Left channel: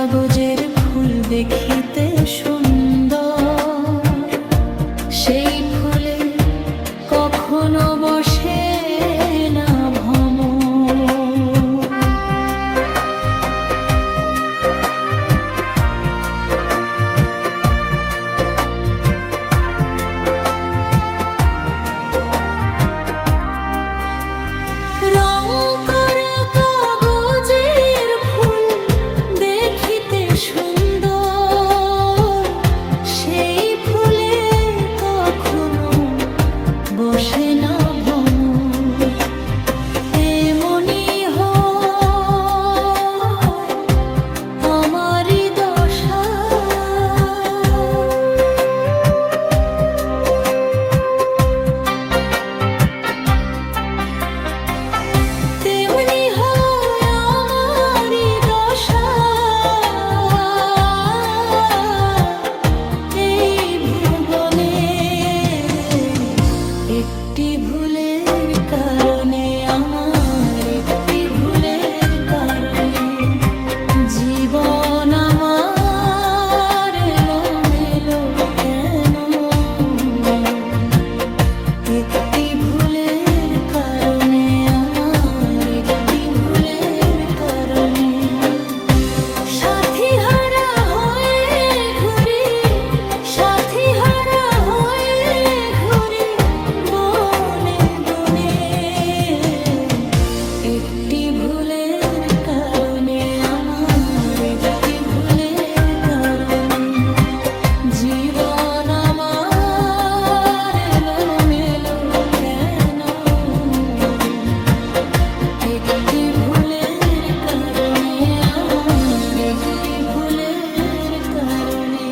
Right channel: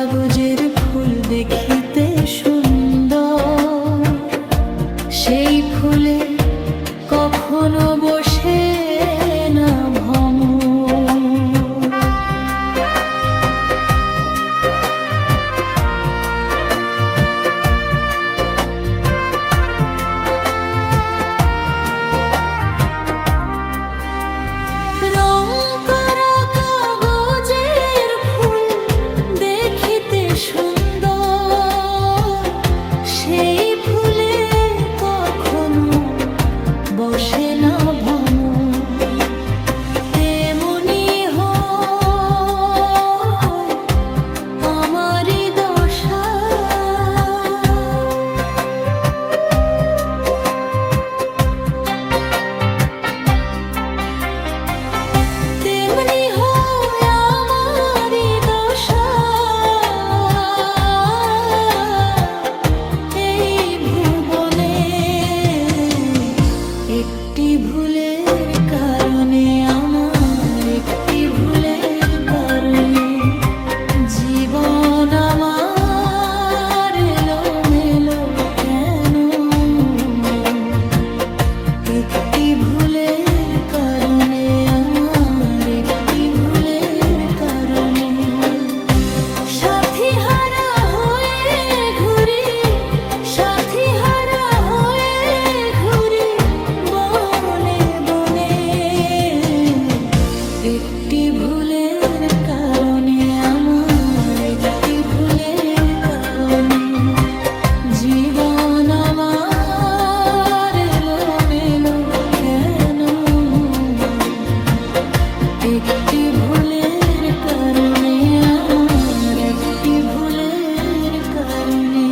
কাগজের ফুল দেখিতে সুন্দর, সেই ফুলে কখনো বসে না ভ্রমর। রং করা কাগজের ফুল দেখিতে সুন্দর, সেই ফুলে কখনো বসে না ভ্রমর। তেমনি হয় আমারই দশা, তেমনি হয় আমারই দশা। এই ভুবনে একটি ভুলের কারণে, আমার একটি ভুলের কারণে জীবন আমার এলোমেলো কেন? একটি ভুলের কারণে, আমার একটি ভুলের কারণে সাথী হারা হয়ে ঘুরি, সাথী হারা হয়ে ঘুরি বনে বনে। একটি ভুলের কারণে, আমার একটি ভুলের কারণে জীবন আমার এলোমেলো কেন? একটি ভুলের কারণে, আমার একটি ভুলের কারণে।